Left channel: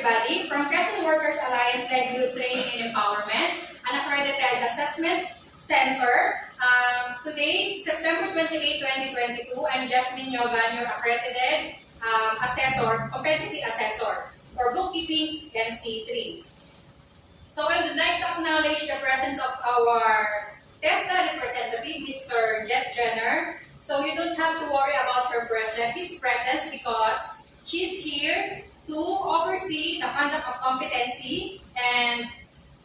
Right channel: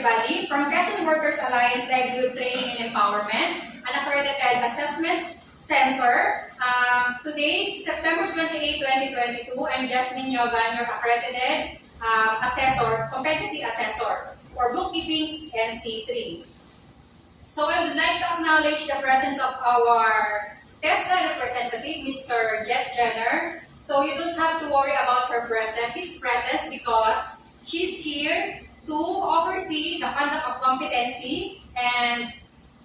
everybody. From Quezon Workers Alliance Livelihood Training and Empowerment, an accredited assessment center. Today, September 28, 2022, I'm Jasmine Yogan, your accredited competency assessor for bookkeeping NC3. So I would like to acknowledge the presence of our TESDA representative, Mr. Jet Jenner. So you don't have to worry about his presence because she's here to oversee the conduct of competency and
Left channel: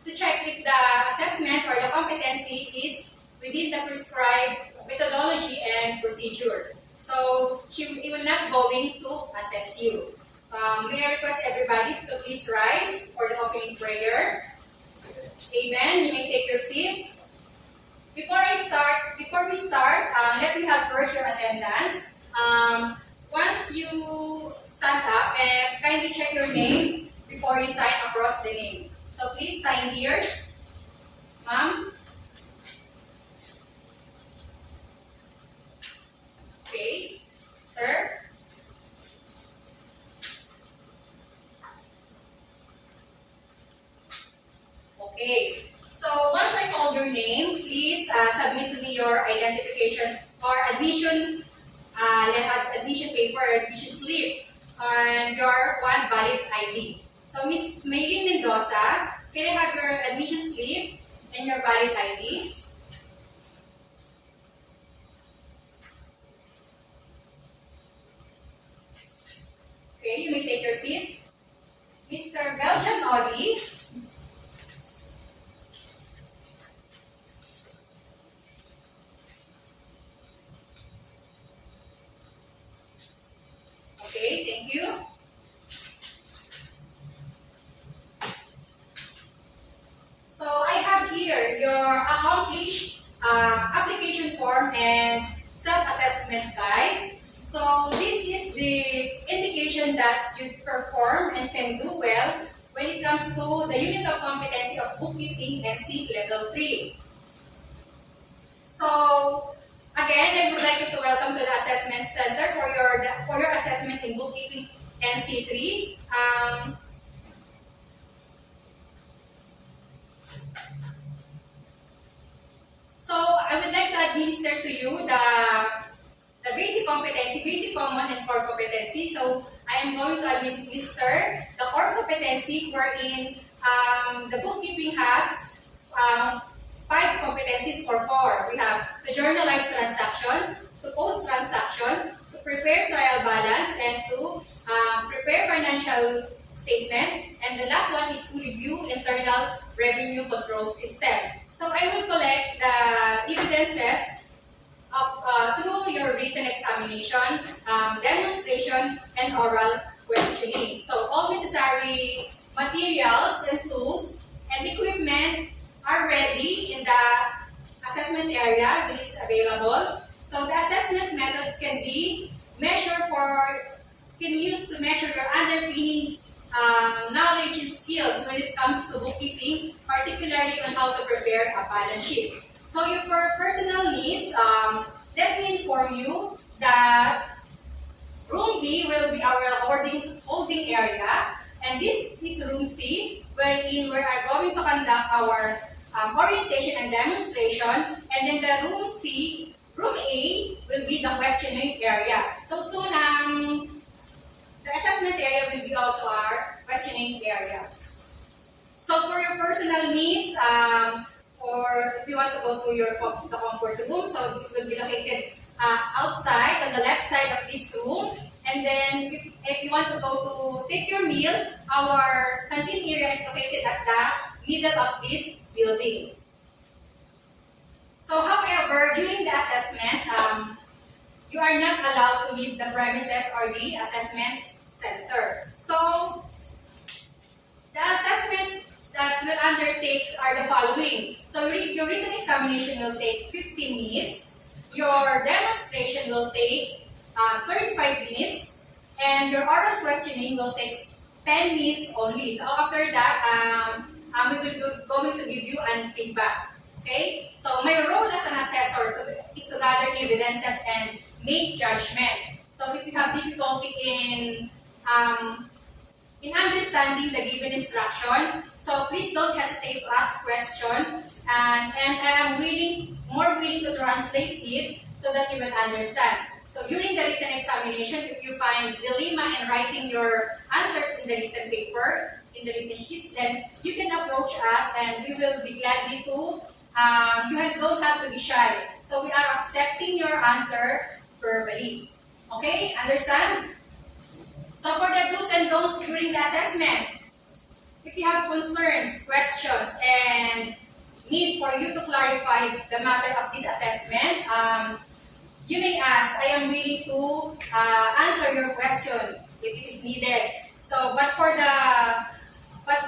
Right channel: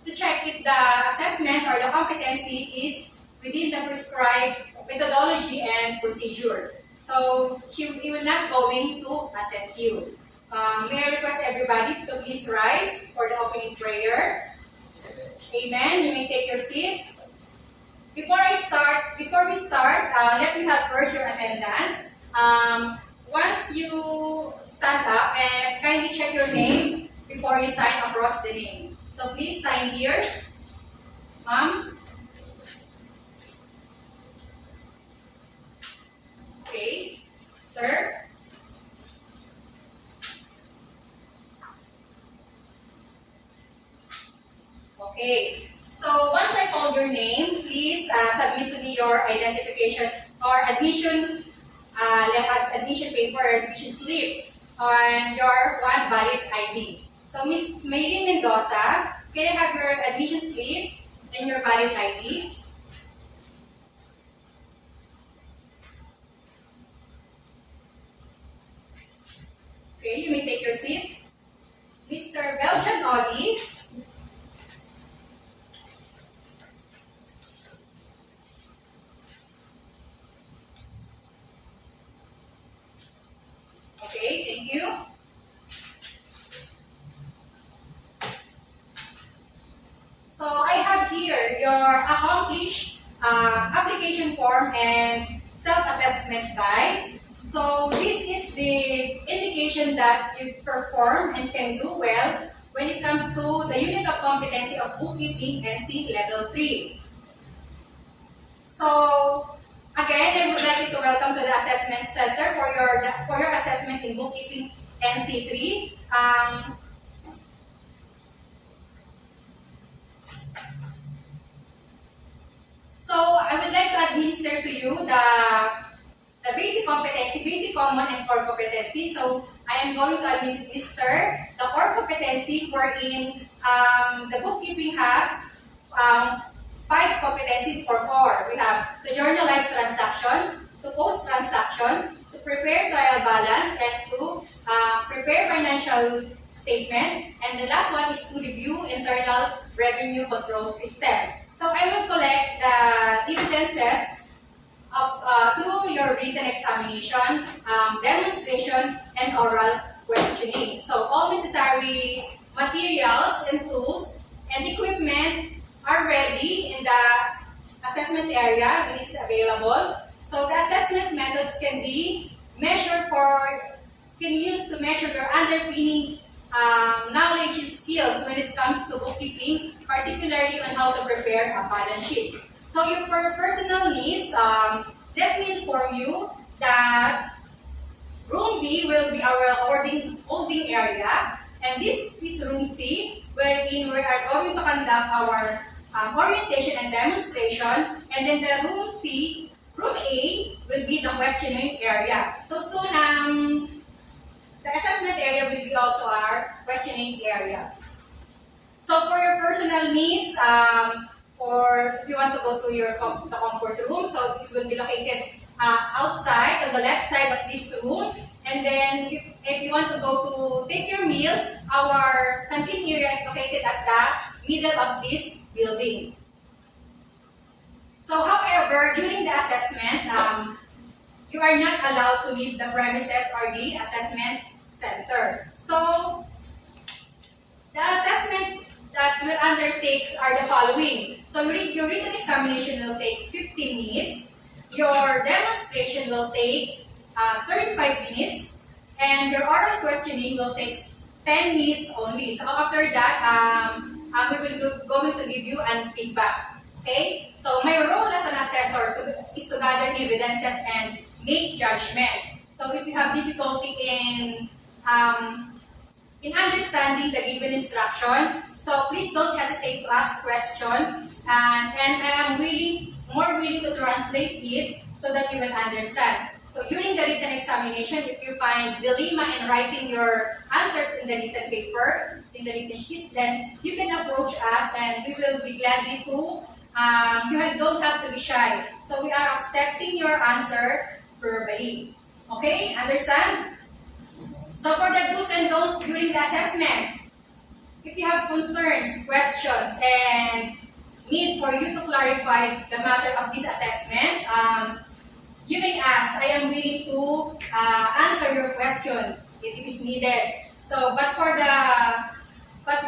to check if the assessment or the competency is within the prescribed methodology and procedure. So he will not going to assess you. May I request everybody to please rise for the opening prayer. Amen. You may take your seat. Before we start, let me have first your attendance. Once you stand up, kindly check your name before you sign across the name. So please sign here. Ma'am. Okay. Sir. Okay. So once I call your name, please submit to me your identification or admission paper or admission slip and your one valid ID. So Miss Maylin Mendoza, can I have your admission slip and your valid ID? Okay, you may take your seat. Mr. Belgian Oli. Okay, thank you. So I have here your accomplished application form and self-assessment guide. So this is the indication that you perform and can do well when it comes to the unit of competency of bookkeeping NC Level 3. So again, I would like you to welcome to the Assessment Center for your assessment in bookkeeping NC3. So I would like to administer to you the basic competency, basic common and core competency. So I am going to administer the core competency wherein the bookkeeping has 5 competencies for core. We have to journalize transaction, to post transaction, to prepare trial balance, and to prepare financial statement. And the last one is to review internal revenue control system. So I will collect the evidences through your written examination, demonstration, and oral questioning. So all necessary materials and tools and equipment are ready in the assessment area when it's available. So the assessment methods can be used to measure your underpinning knowledge and skills when it comes to bookkeeping, particularly on how to prepare a balance sheet. So for personal needs, let me inform you that room B will be our holding area, and this is room C, wherein we are going to conduct our orientation and demonstration, and then the room A will be the questioning if soon the assessment area will be also our questioning area. So for your personal needs, or if you want to go to the comfort room, so it will be located outside on the left side of this room. And then if you want to go to take your meal, our canteen area is located at the middle of this building. So however, during the assessment, you are not allowed to leave the premises or the assessment center. So the assessment that we'll undertake are the following. So your written examination will take 15 minutes. Your demonstration will take 35 minutes. And your oral questioning will take 10 minutes only. So after that, we will going to give you an feedback. Okay? So my role as an assessor is to gather evidences and make judgment. So if you have difficulty in in understanding the given instruction. So please don't hesitate to ask questions, and I am more willing to translate it so that you will understand. So during the written examination, if you find dilemma in writing your answers in the written paper, in the written sheets, then you can approach us and we will be gladly to, you don't have to be shy. So we are accepting your answer verbally. Okay, understand? So for the do's and don'ts during the assessment, if you have concerns, questions, and need for you to clarify the matter of this assessment, you may ask. I am willing to answer your question if it is needed. So, but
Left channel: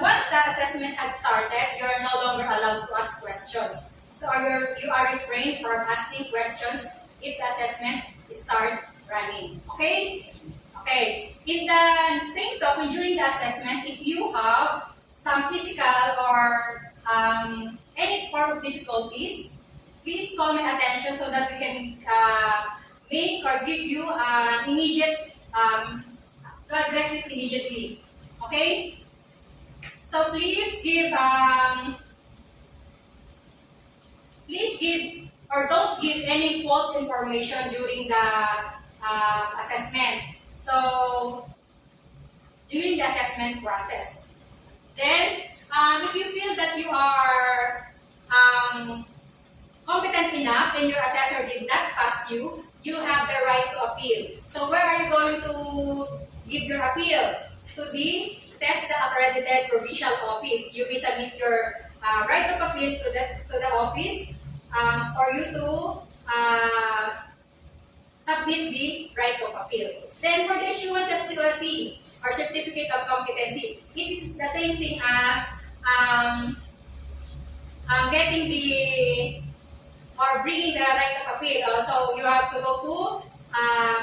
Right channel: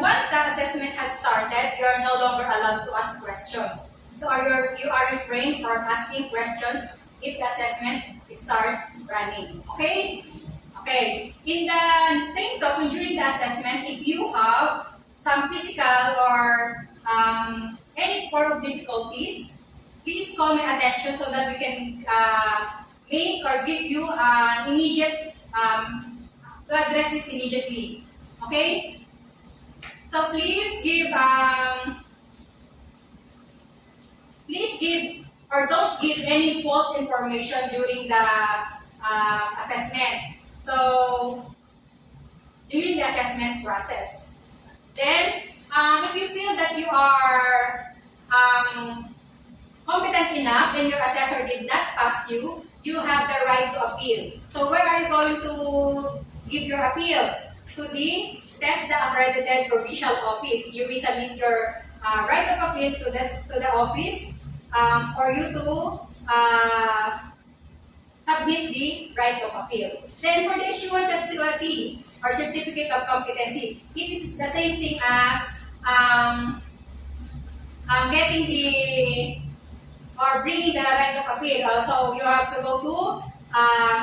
once the assessment has started, you are no longer allowed to ask questions. So you are refrained from asking questions if the assessment starts running. Okay? Okay. In the same token, during the assessment, if you have some physical or any form of difficulties, please call my attention so that we can make or give you an immediate, to address it immediately. Okay? So please give or don't give any false information during the assessment. So, during the assessment process. Then, if you feel that you are competent enough and your assessor did not pass you, you have the right to appeal. So where are you going to give your appeal? To the TESDA accredited provincial office. You will submit your right of appeal to the office for you to submit the right of appeal. Then for the issuance of COC or certificate of competency, it is the same thing as getting bringing the right of appeal. So you have to go to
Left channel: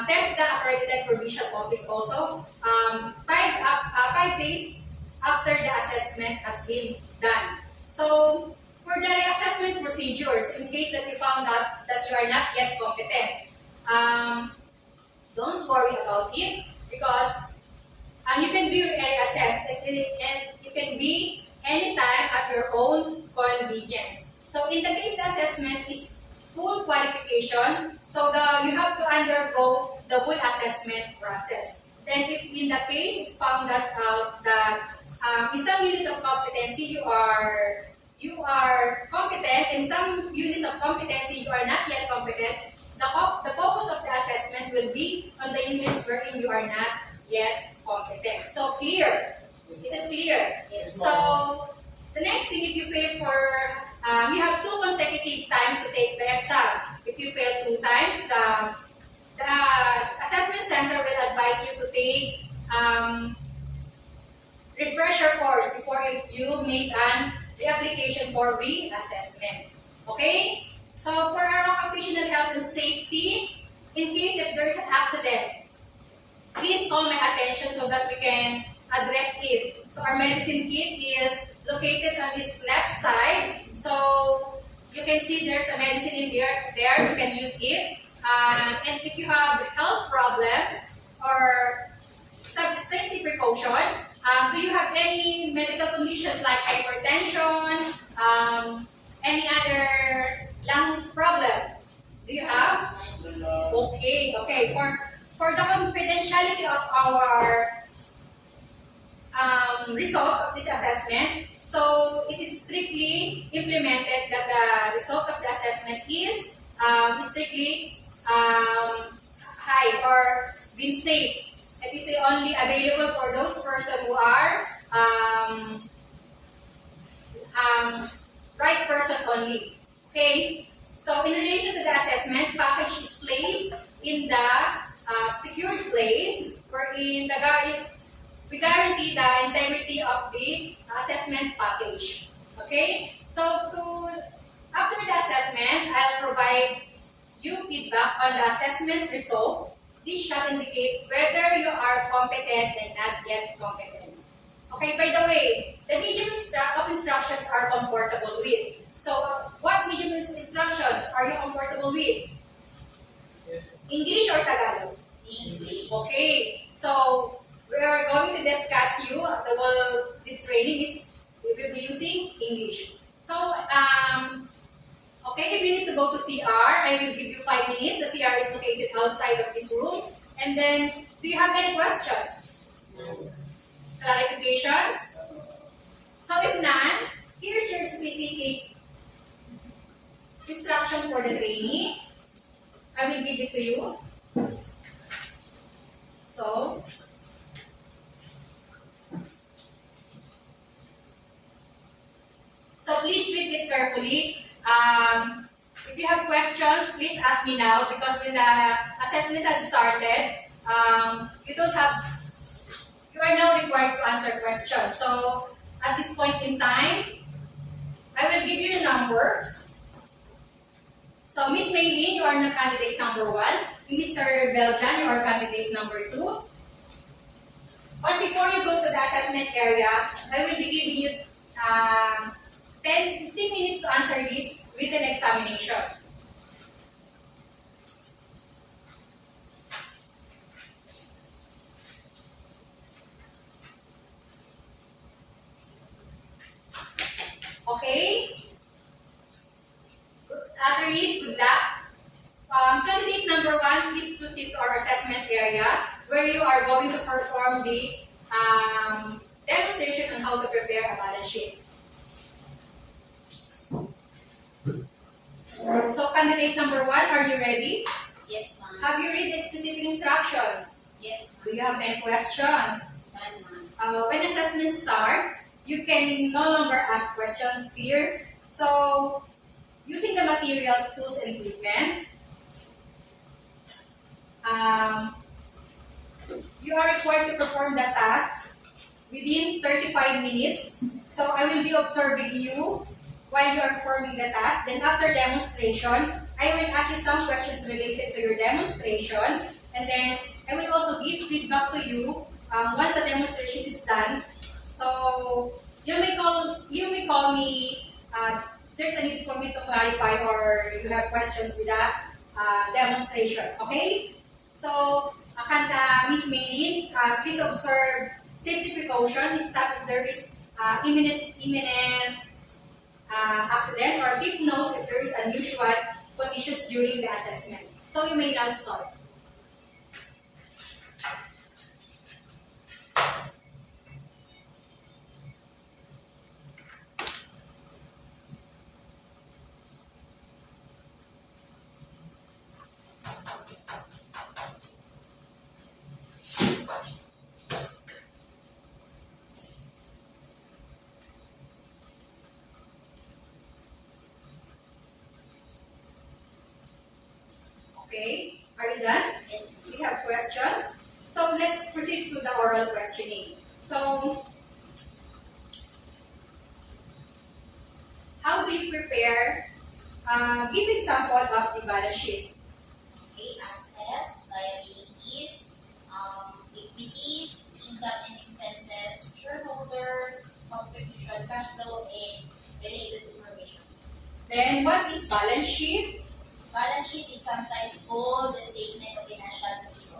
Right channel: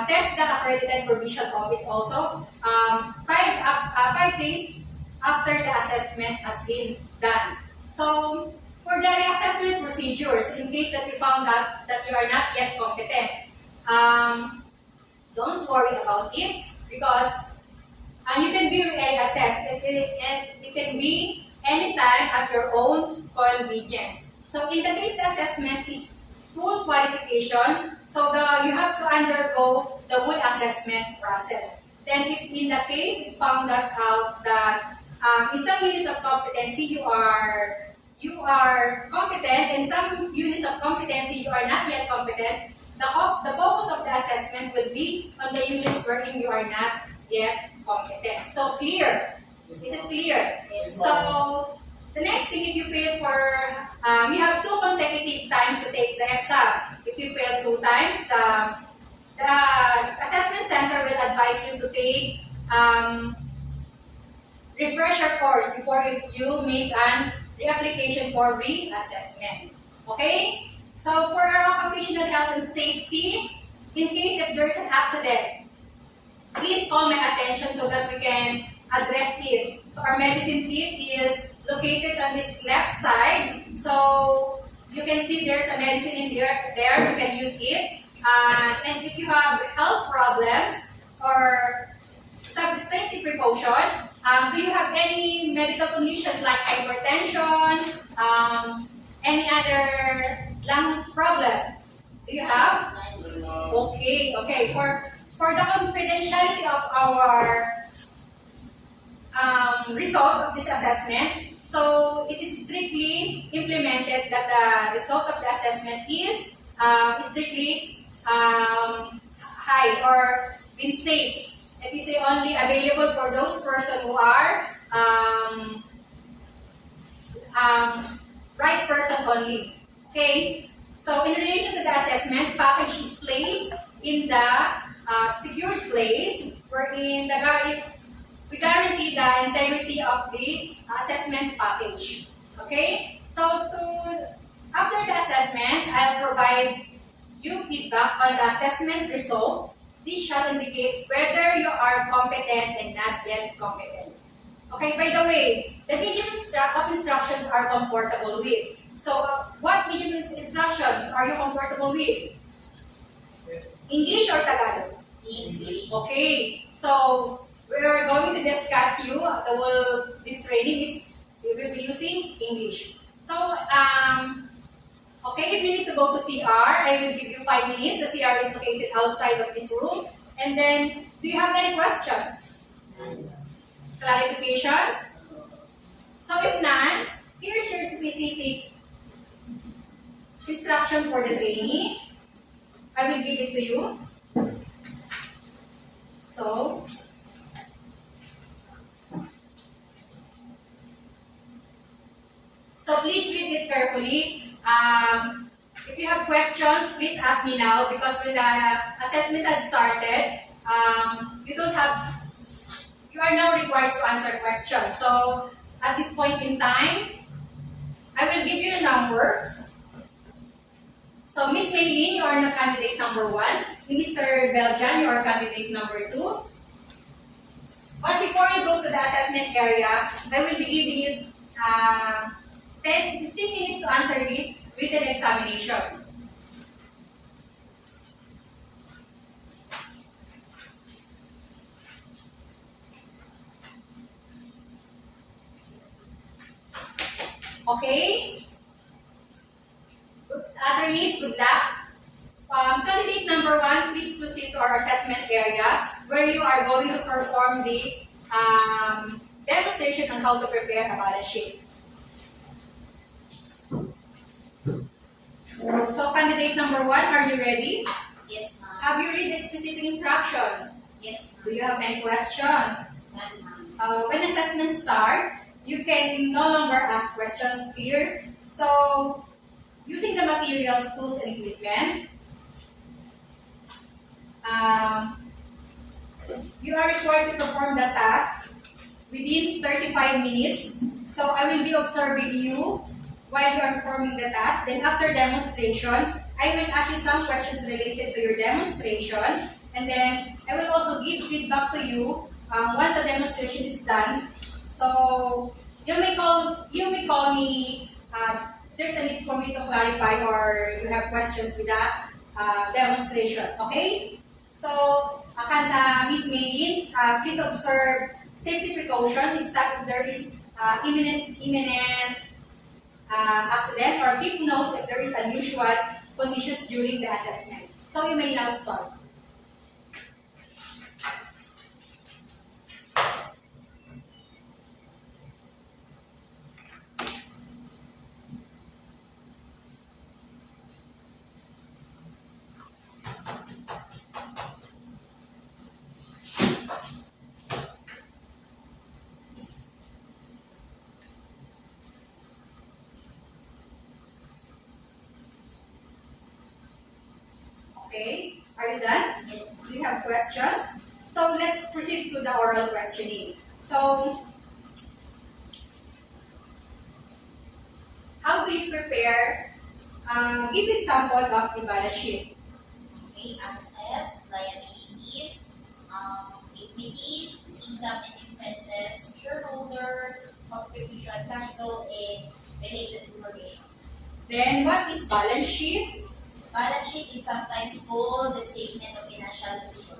TESDA accredited provincial office also 5 days after the assessment has been done. So for the reassessment procedures, in case that you found out that you are not yet competent, don't worry about it because you can be reassessed and it can be anytime at your own convenience. So in the case the assessment is full qualification, so you have to undergo the full assessment process. Then if in the case you found out that in some unit of competency you are competent, in some units of competency you are not yet competent, the focus of the assessment will be on the units wherein you are not yet competent. So clear? Is it clear? Yes. So the next thing, if you fail you have 2 consecutive times to take the exam. If you fail 2 times, the assessment center will advise you to take refresher course before you make an reapplication for reassessment. Okay? So for our occupational health and safety, in case if there's an accident, please call my attention so that we can address it. So our medicine kit is located on this left side. So you can see there's a medicine in there. You can use it. And if you have health problems or safety precaution, do you have any medical conditions like hypertension, any other lung problem? Do you have? Okay. For the confidentiality of our result of this assessment, so it is strictly implemented that the result of the assessment is strictly high or been safe. It is only available for those persons who are right person only. Okay? So in relation to the assessment, package is placed in the secured place wherein we guarantee the integrity of the assessment package. Okay? So after the assessment, I'll provide you feedback on the assessment result. This shall indicate whether you are competent and not yet competent. Okay, by the way, the medium of instructions are comfortable with. So, what medium of instructions are you comfortable with? Yes. English or Tagalog? English. Okay, so we are going to discuss you training is we will be using English. So, okay, if you need to go to CR, I will give you 5 minutes. The CR is located outside of this room. And then, do you have any questions? Clarifications? So, if none, here's your specific instruction for the trainee. I will give it to you. So, please read it carefully. If you have questions, please ask me now because when the assessment has started, you are now required to answer questions. So, at this point in time, I will give you a number. So, Miss Maylene, you are the candidate number 1. Mr. Beljan, you are candidate number 2. But before you go to the assessment area, I will be giving you 10-15 minutes to answer this written examination. Okay? Good luck. Candidate number 1, please proceed to our assessment area where you are going to perform the demonstration on how to prepare a balance sheet. So, candidate number 1, are you ready? Yes, ma'am. Have you read the specific instructions? Yes, ma'am. Do you have any questions? None, ma'am. When assessment starts, you can no longer ask questions here. So, using the materials, tools, and equipment, you are required to perform the task within 35 minutes. So, I will be observing you while you are performing the task. Then after demonstration, I will ask you some questions related to your demonstration. And then I will also give feedback to you once the demonstration is done. So you may call me. There's a need for me to clarify or you have questions with that demonstration. Okay? So, Miss Maylene, please observe safety precautions. Stop if there is imminent accident or keep notes if there is unusual conditions during the assessment. So you may now start. Okay, are you done? Yes, ma'am. Do you have questions? So let's proceed to the oral questioning. So, how do you prepare? Give example of the balance sheet. Okay, assets, liabilities, equities, income and expenses, shareholders, contribution, cash flow, and related information. Then, what is balance sheet? Balance sheet is sometimes called the statement of financial position.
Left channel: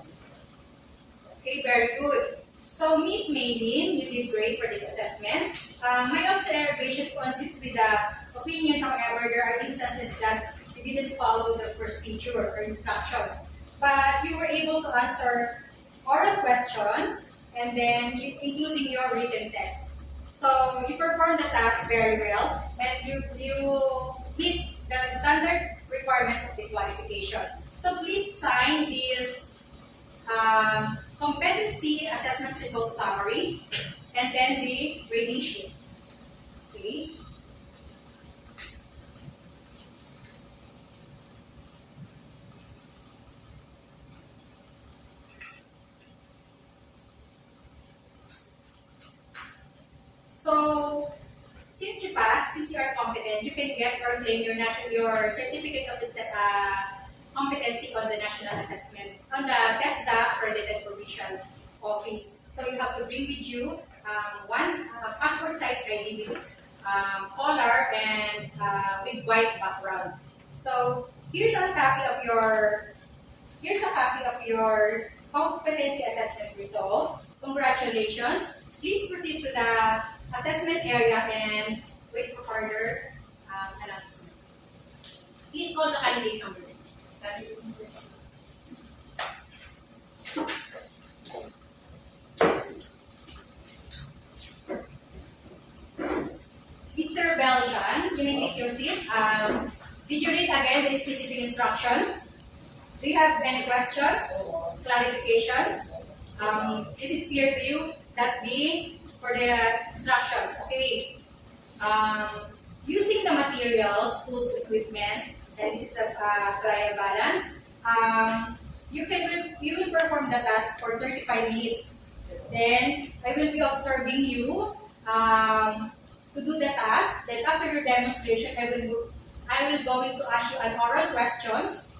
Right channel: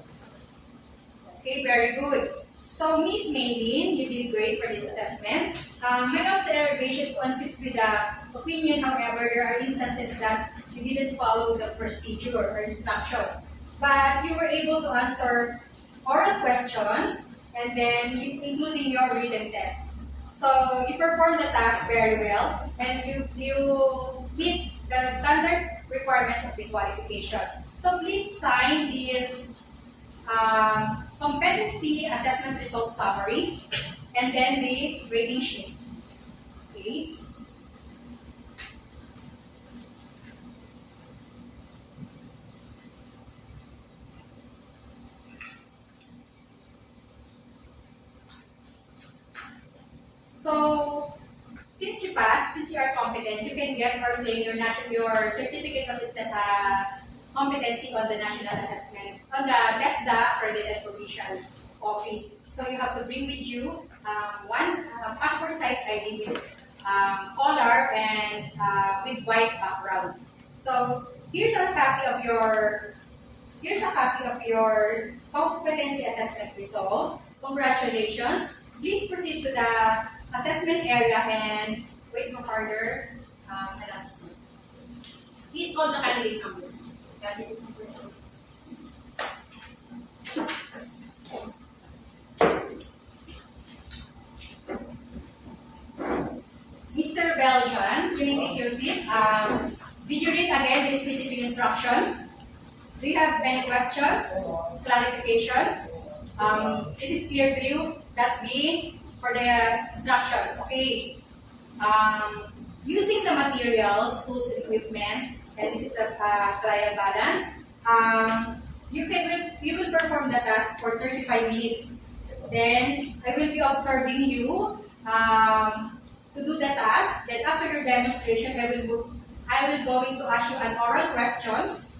Okay, very good. So, Miss Maylene, you did great for this assessment. My observation consists with the opinion, however, there are instances that you didn't follow the procedure or instructions. But you were able to answer oral questions and then including your written test. So, you performed the task very well and you meet the standard requirements of the qualification. So, please sign this competency assessment result summary and then the grading sheet. Okay. So, since you passed, since you are competent, you can get or claim your certificate of competency on the national assessment, on the TESDA accredited provincial office. So you have to bring with you one passport size ID with color and with white background. So here's a copy of your competency assessment result. Congratulations. Please proceed to the assessment area and wait for further announcement. Please call the candidate number. Candidate number. Mr. Beljan, you may take your seat. Did you read again the specific instructions? Do you have any questions, clarifications? It is clear to you that for the instructions, okay? Using the materials, tools, and equipments, and this is a trial balance. You will perform the task for 35 minutes. Then I will be observing you to do the task. Then after your demonstration, I will going to ask you an oral questions.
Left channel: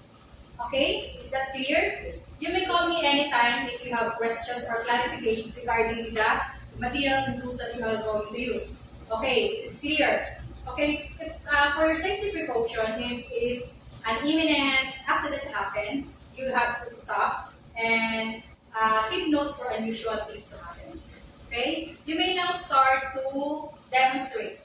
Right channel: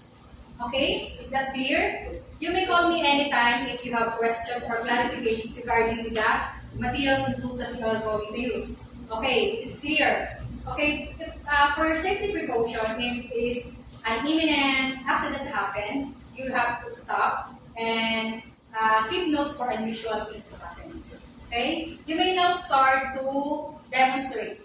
Okay, is that clear? You may call me anytime if you have questions or clarifications regarding the materials and tools that you are going to use. Okay, it's clear. Okay, for your safety precaution, if is an imminent accident happen, you have to stop and keep notes for unusual things to happen. Okay, you may now start to demonstrate.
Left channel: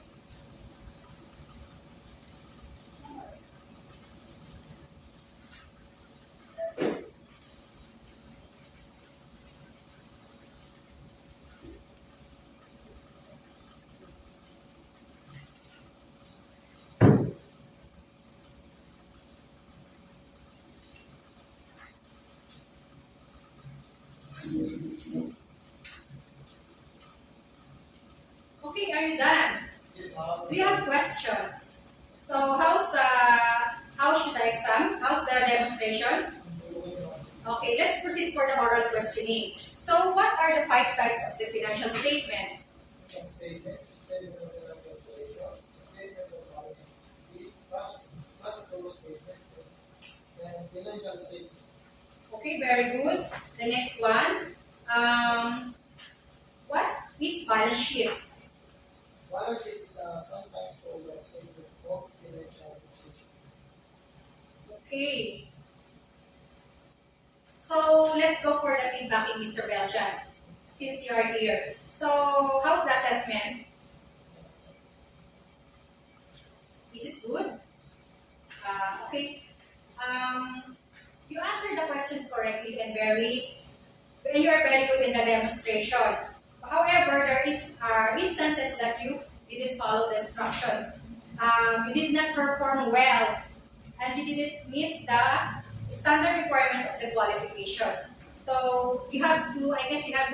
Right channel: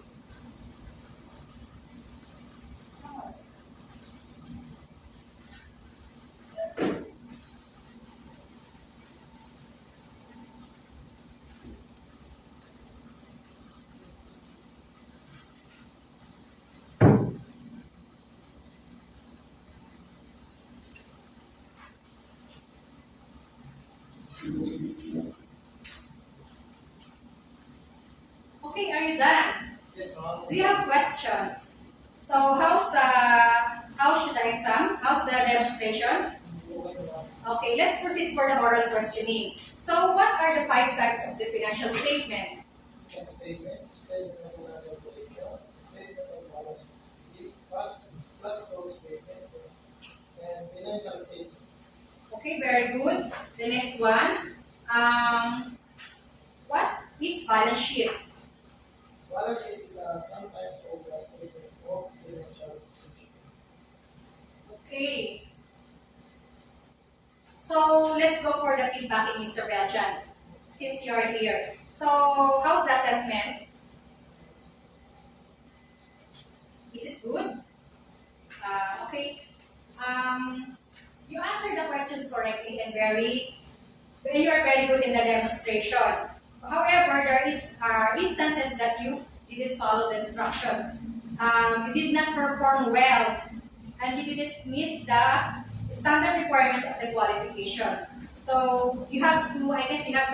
Okay, are you done? Yes, ma'am. Do you have questions? So how's the exam? How's the demonstration? Okay, let's proceed for the oral questioning. So what are the 5 types of the financial statement? Statement of financial position, statement of balance sheet, cash flow statement, and financial statement. Okay, very good. The next one. What is balance sheet? Balance sheet is sometimes called a statement of financial position. Okay. So let's go for the feedback in Mr. Beljan, since you are here. So how's the assessment? Is it good? Okay. You answered the questions correctly and you are very good in the demonstration. However, there is instances that you didn't follow the instructions. You did not perform well, and you didn't meet the standard requirements of the qualification. So you have to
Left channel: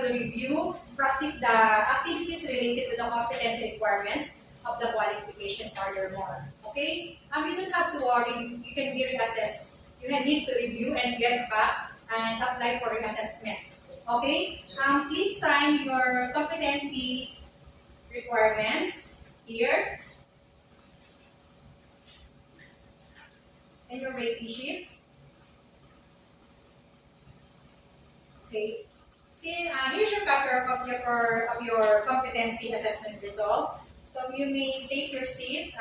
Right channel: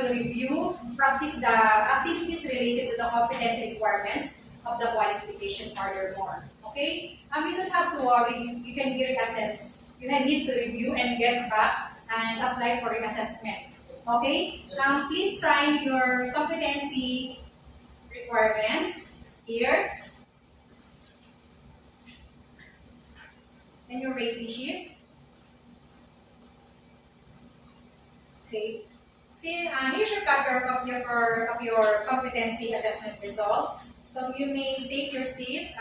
review, practice the activities related to the competency requirements of the qualification furthermore. Okay? You don't have to worry. You can be reassessed. You need to review and get back and apply for reassessment. Okay? Please sign your competency requirements here. And your rating sheet. Okay. See, here's your cover of your competency assessment result. So you may take your seat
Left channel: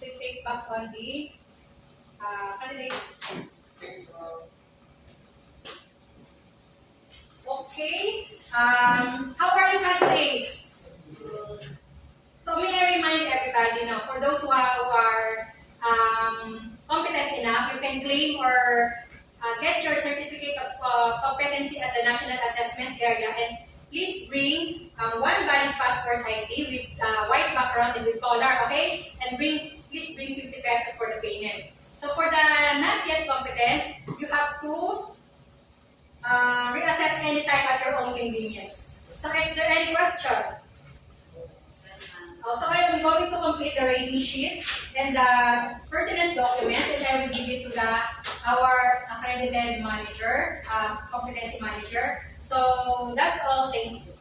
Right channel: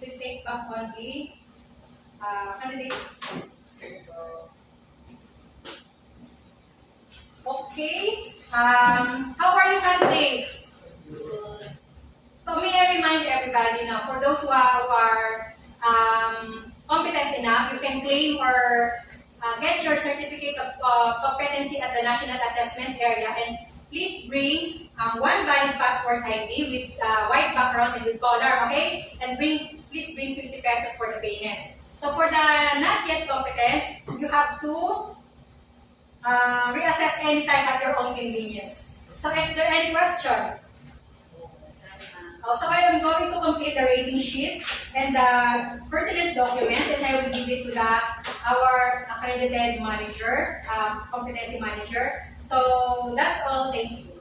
to take back on the candidate. Okay. How are you candidates? So may I remind everybody now, for those who are competent enough, you can claim or get your certificate of competency at the National Assessment Area, and please bring one valid passport ID with white background and with color, okay? And please bring 50 pesos for the payment. So for the not yet competent, you have to reassess anytime at your own convenience. So is there any question? So I am going to complete the rating sheets and the pertinent documents, and I will give it to our accredited manager, competency manager. So that's all. Thank you.